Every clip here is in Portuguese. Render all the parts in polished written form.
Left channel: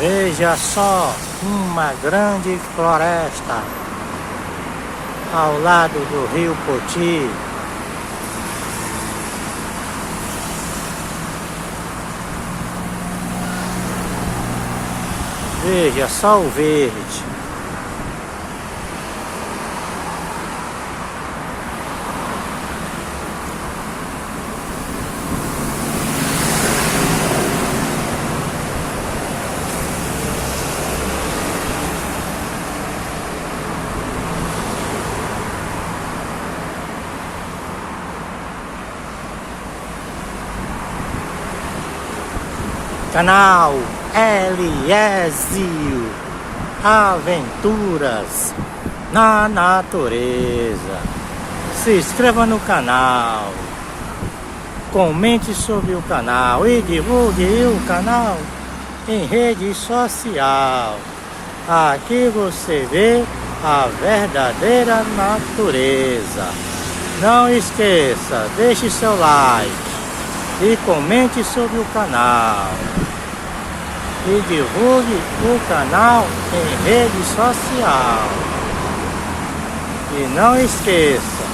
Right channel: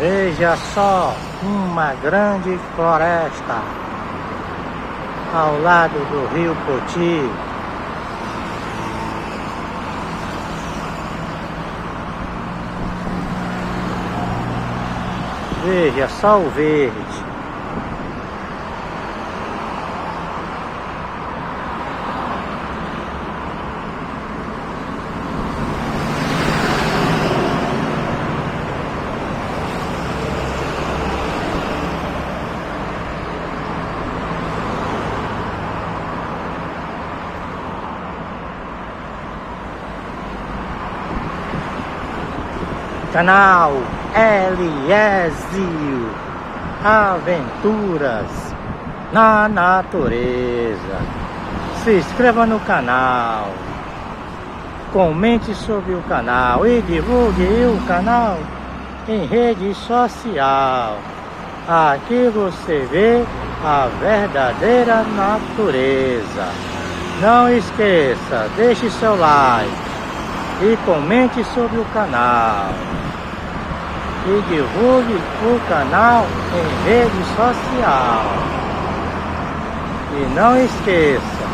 Veja só, uma grande floresta ao lado do rio Poti. Veja só o verde. Canal Eliésio Aventuras na Natureza. Se inscreva no canal, comente sobre o canal e divulgue o canal em rede social. Aqui você vê a verdadeira natureza. Não esqueça, deixe seu like e comente sobre o canal. E divulgue o canal em rede social. E não esqueça,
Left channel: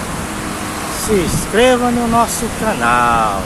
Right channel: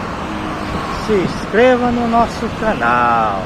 se inscreva no nosso canal.